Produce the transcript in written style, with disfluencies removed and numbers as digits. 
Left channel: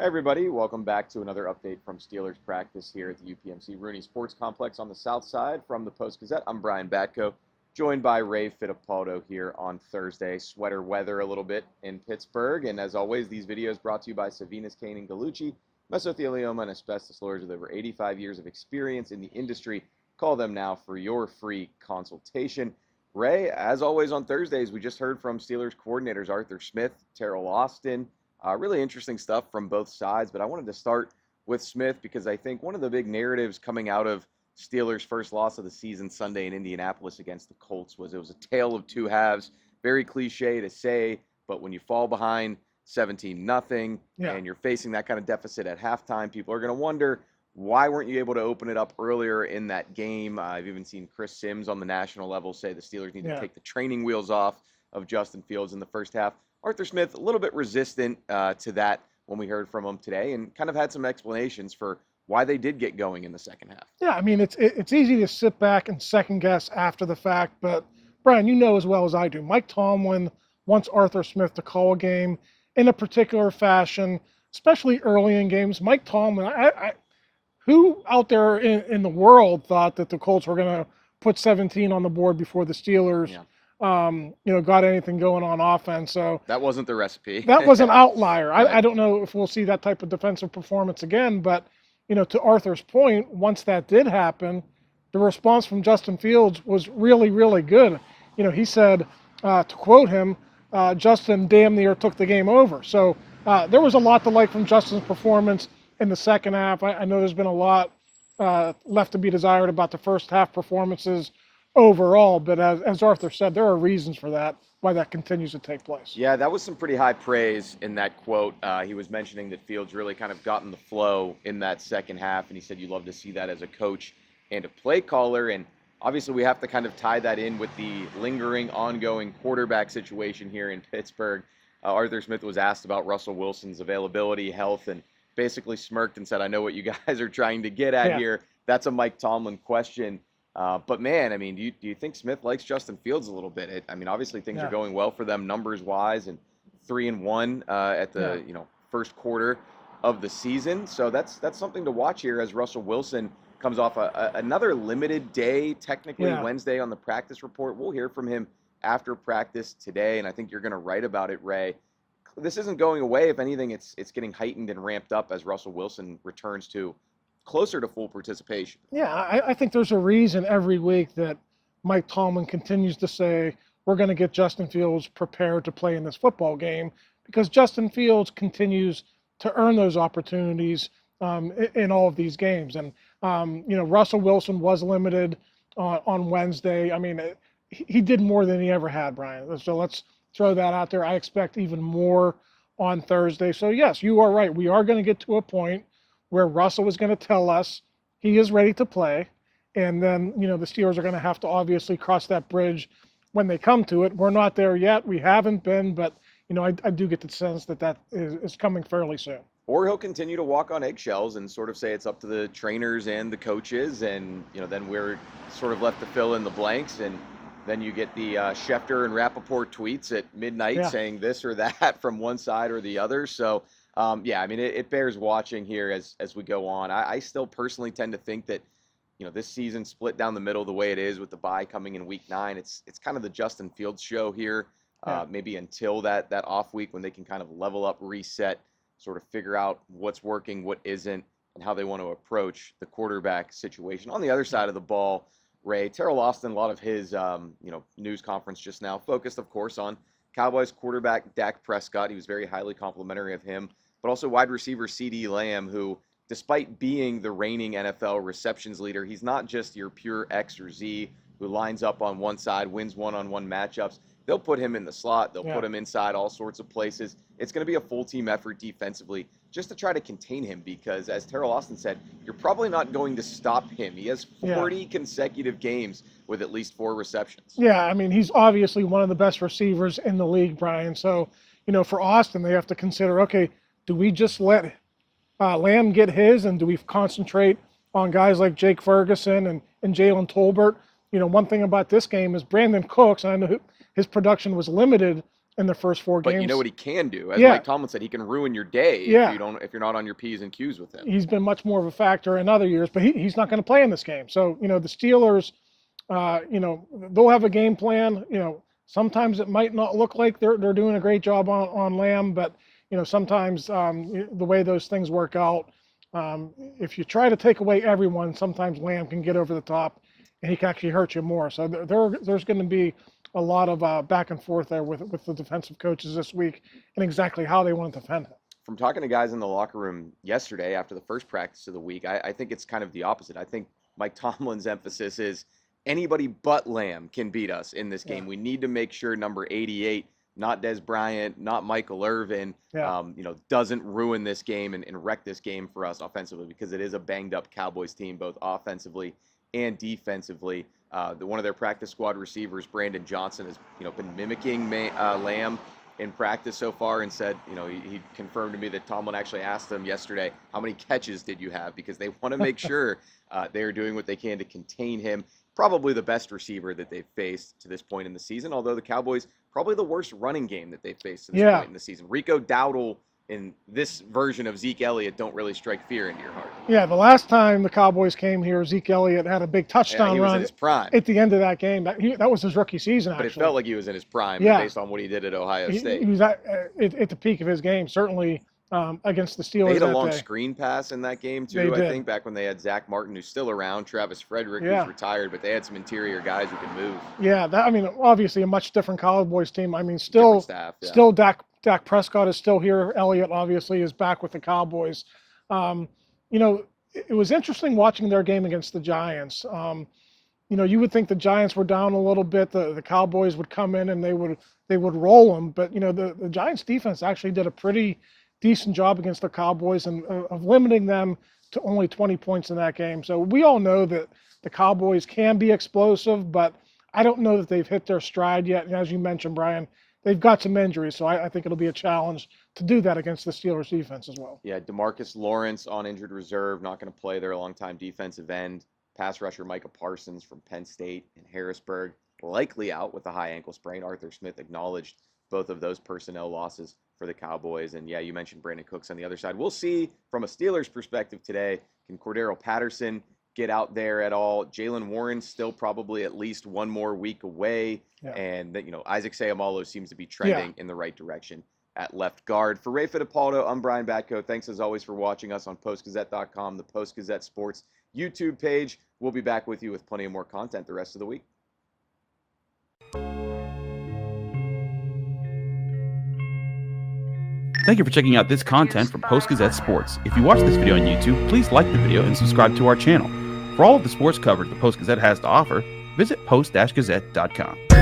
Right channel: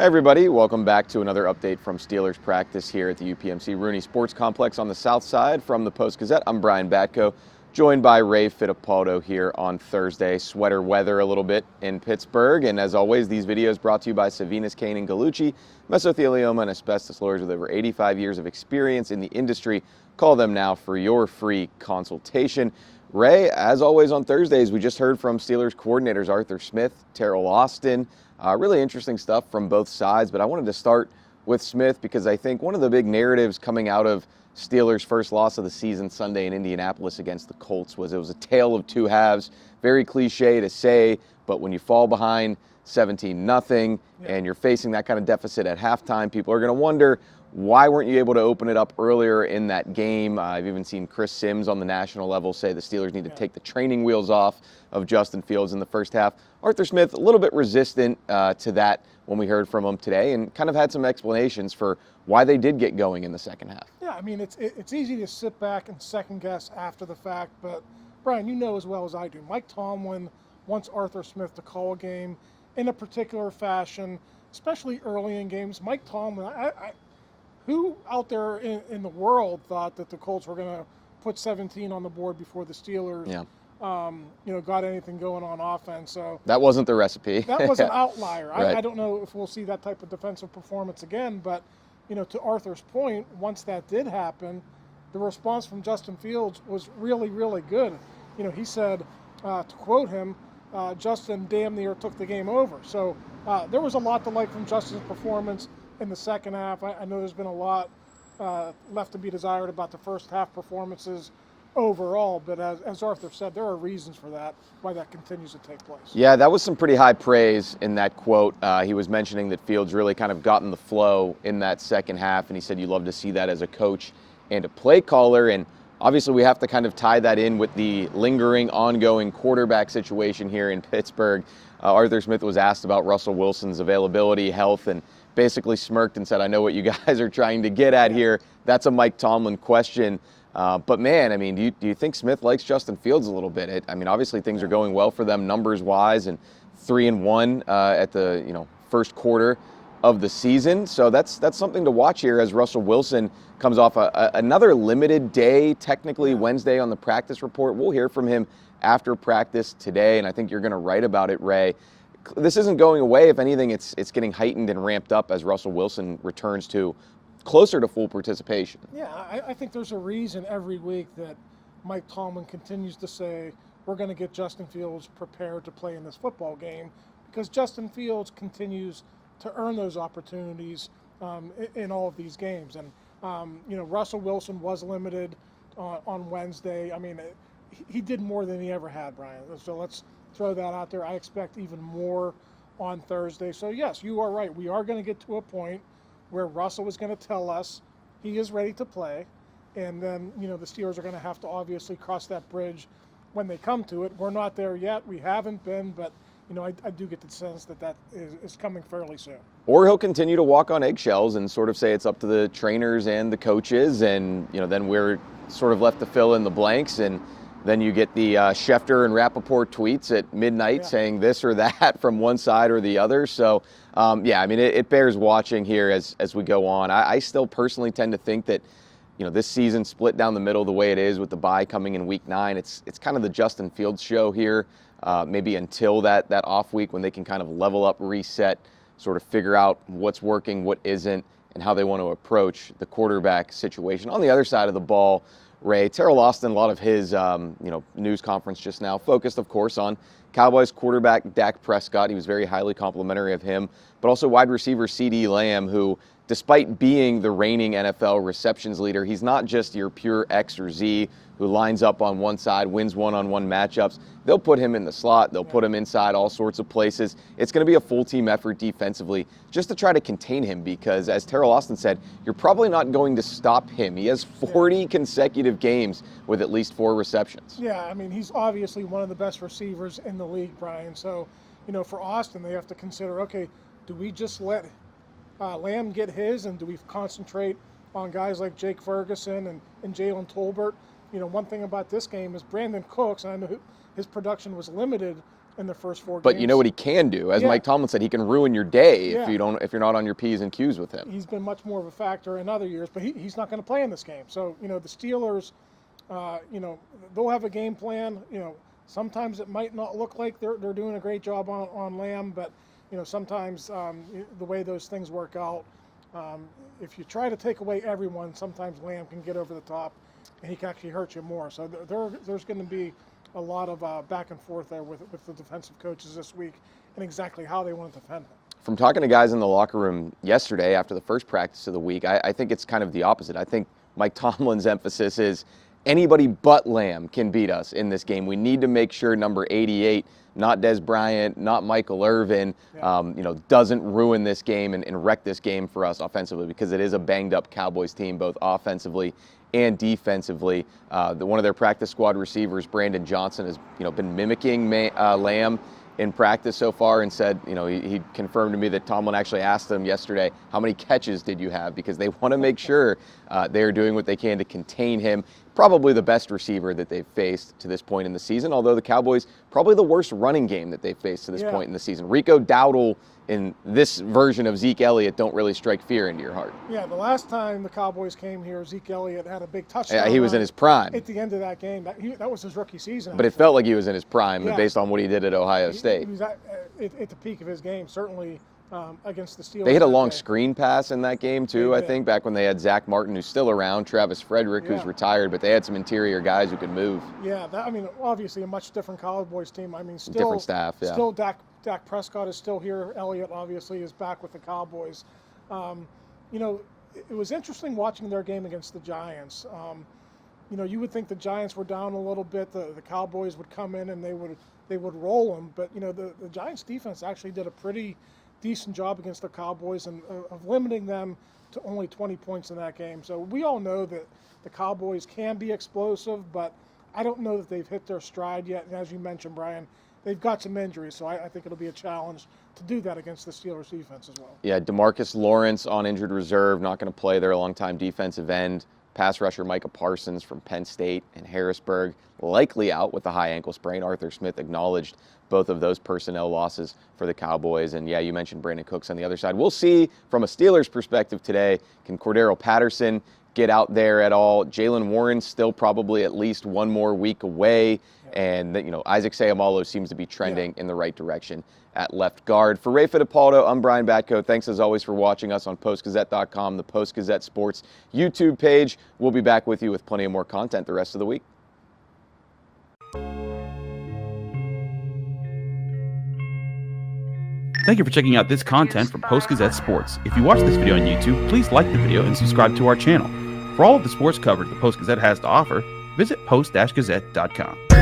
Hey everybody, welcome back to another update from Steelers practice here at the UPMC Rooney Sports Complex on the south side from the Post-Gazette. I'm Brian Batko, joined by Ray Fittipaldo here on Thursday. Sweater weather a little bit in Pittsburgh, and as always, these videos brought to you by Savinas, Kane, and Gallucci, mesothelioma and asbestos lawyers with over 85 years of experience in the industry. Call them now for your free consultation. Ray, as always on Thursdays, we just heard from Steelers coordinators Arthur Smith, Teryl Austin. Really interesting stuff from both sides, but I wanted to start with Smith because I think one of the big narratives coming out of Steelers' first loss of the season Sunday in Indianapolis against the Colts was it was a tale of two halves. Very cliche to say, but when you fall behind 17-0 and you're facing that kind of deficit at halftime, people are going to wonder, why weren't you able to open it up earlier in that game? I've even seen Chris Sims on the national level say the Steelers need to take the training wheels off of Justin Fields in the first half. Arthur Smith, a little bit resistant to that when we heard from him today, and kind of had some explanations for why they did get going in the second half. Yeah, I mean, it's easy to sit back and second guess after the fact, but Brian, you know as well as I do, Mike Tomlin wants Arthur Smith to call a game in a particular fashion, especially early in games. Mike Tomlin, who out there in the world thought that the Colts were going to put 17 on the board before the Steelers got anything going on offense? So that wasn't the recipe. That was an outlier. Right. I don't know if we'll see that type of defensive performance again, but to Arthur's point, once that did happen, the response from Justin Fields was really, really good. He said, to quote him, Justin damn near took the game over. So there was a lot to like from Justin's performance in the second half. I know there's been a lot left to be desired about the first half performances overall, but as Arthur said, there are reasons for that, why that continues to take place. Yeah, that was some pretty high praise in that quote. He was mentioning that Fields really kind of got in the flow in that second half, and he said you love to see that as a coach and a play caller. And obviously we have to kind of tie that in with the lingering, ongoing quarterback situation here in Pittsburgh. Arthur Smith was asked about Russell Wilson's availability, health, and basically smirked and said, I know what you guys are trying to get at here. That's a Mike Tomlin question. But man, I mean, do you think Smith likes Justin Fields a little bit? Obviously things are going well for them numbers-wise, and 3-1 at the first quarter of the season. So that's something to watch here as Russell Wilson comes off another limited day, technically Wednesday on the practice report. We'll hear from him after practice today, and I think you're going to write about it, Ray. This isn't going away. If anything, it's getting heightened and ramped up as Russell Wilson returns to closer to full participation. Yeah, I think there's a reason every week that Mike Tomlin continues to say we're going to get Justin Fields prepared to play in this football game, because Justin Fields continues to earn those opportunities in all of these games. And, Russell Wilson was limited on Wednesday. I mean, he did more than he ever had, Brian. So let's throw that out there. I expect even more on Thursday. So, yes, you are right. We are going to get to a point where Russell is going to tell us he is ready to play. And then, the Steelers are going to have to obviously cross that bridge when they come to it. We're not there yet. We haven't been, but, I do get the sense that is coming fairly soon. Or he'll continue to walk on eggshells and sort of say it's up to the trainers and the coaches, and, then we're sort of left to fill in the blanks. And then you get the Schefter and Rappaport tweets at midnight saying this or that from one side or the other. So, it bears watching here as we go on. I still personally tend to think that, this season split down the middle the way it is with the bye coming in week 9. It's kind of the Justin Fields show here, maybe until that off week when they can kind of level up, reset, sort of figure out what's working, what isn't, and how they want to approach the quarterback situation. On the other side of the ball, Ray, Teryl Austin, a lot of his news conference just now focused, of course, on Cowboys quarterback Dak Prescott. He was very highly complimentary of him, but also wide receiver CeeDee Lamb, who, despite being the reigning NFL receptions leader, he's not just your pure X or Z who lines up on one side, wins one-on-one matchups. They'll put him in the slot. They'll put him inside all sorts of places. It's going to be a full team effort defensively just to try to contain him, because, as Teryl Austin said, you're probably not going to stop him. He has 40 consecutive games with at least 4 receptions. Yeah, I mean, he's obviously one of the best receivers in the league, Brian. So, for Austin, they have to consider, okay, do we just let Lamb get his, and do we concentrate on guys like Jake Ferguson and Jalen Tolbert? One thing about this game is Brandon Cooks, and I know his production was limited in the first 4 But games. you know what he can do? As Yeah. Mike Tomlin said, he can ruin your day Yeah. if you're not on your P's and Q's with him. He's been much more of a factor in other years, but he's not going to play in this game. So, the Steelers, they'll have a game plan. Sometimes it might not look like they're doing a great job on Lamb, but, sometimes the way those things work out, if you try to take away everyone, sometimes Lamb can get over the top and he can actually hurt you more. So there's going to be a lot of back and forth there with the defensive coaches this week and exactly how they want to defend him. From talking to guys in the locker room yesterday after the first practice of the week, I think it's kind of the opposite. I think Mike Tomlin's emphasis is anybody but Lamb can beat us in this game. We need to make sure number 88, not Des Bryant, not Michael Irvin, doesn't ruin this game and wreck this game for us offensively, because it is a banged-up Cowboys team, both offensively and defensively. One of their practice squad receivers, Brandon Johnson, has been mimicking Lamb in practice so far, and said, he confirmed to me that Tomlin actually asked them yesterday, how many catches did you have? Because they want to make sure they're doing what they can to contain him. Probably the best receiver that they've faced to this point in the season, although the Cowboys, probably the worst running game that they've faced to this point in the season. Rico Dowdle and this version of Zeke Elliott don't really strike fear into your heart. Yeah, the last time the Cowboys came here, Zeke Elliott had a big touchdown. Yeah, he was in his prime. At the end of that game. That was his rookie season, But actually. it felt like he was in his prime based on what he did at Ohio State. He was at the peak of his game, certainly against the Steelers. They hit a that long day. screen pass in that game, too, I think, back when they had Zach Martin, who's still around, Travis Frederick, who's retired, but they had some interior guys who could move. Yeah, obviously a much different Cowboys team. Still, different staff, still Dak Prescott is still here. Elliott, obviously, is back with the Cowboys. It was interesting watching their game against the Giants. You would think the Giants were down a little bit. The Cowboys would come in and they would roll them. But, the Giants defense actually did a pretty decent job against the Cowboys and of limiting them to only 20 points in that game. So we all know that the Cowboys can be explosive, but I don't know that they've hit their stride yet. And as you mentioned, Brian, they've got some injuries, so I think it'll be a challenge to do that against the Steelers defense as well. Yeah, DeMarcus Lawrence on injured reserve, not going to play. They're a longtime defensive end. Pass rusher Micah Parsons from Penn State and Harrisburg, likely out with a high ankle sprain. Arthur Smith acknowledged both of those personnel losses for the Cowboys. And yeah, you mentioned Brandon Cooks on the other side. We'll see from a Steelers perspective today, can Cordarrelle Patterson get out there at all? Jaylen Warren still probably at least one more week away. Yeah. And Isaac Seumalo seems to be trending in the right direction at left guard. For Ray Fittipaldo, I'm Brian Batko. Thanks as always for watching us on Post-Gazette.com, the Post-Gazette Sports YouTube page. We'll be back with you with plenty of more content the rest of the week. Thank you for checking out this content from Post-Gazette Sports. If you watch this video on YouTube, please like the video and subscribe to our channel. For all of the sports coverage the Post-Gazette has to offer, visit post-gazette.com.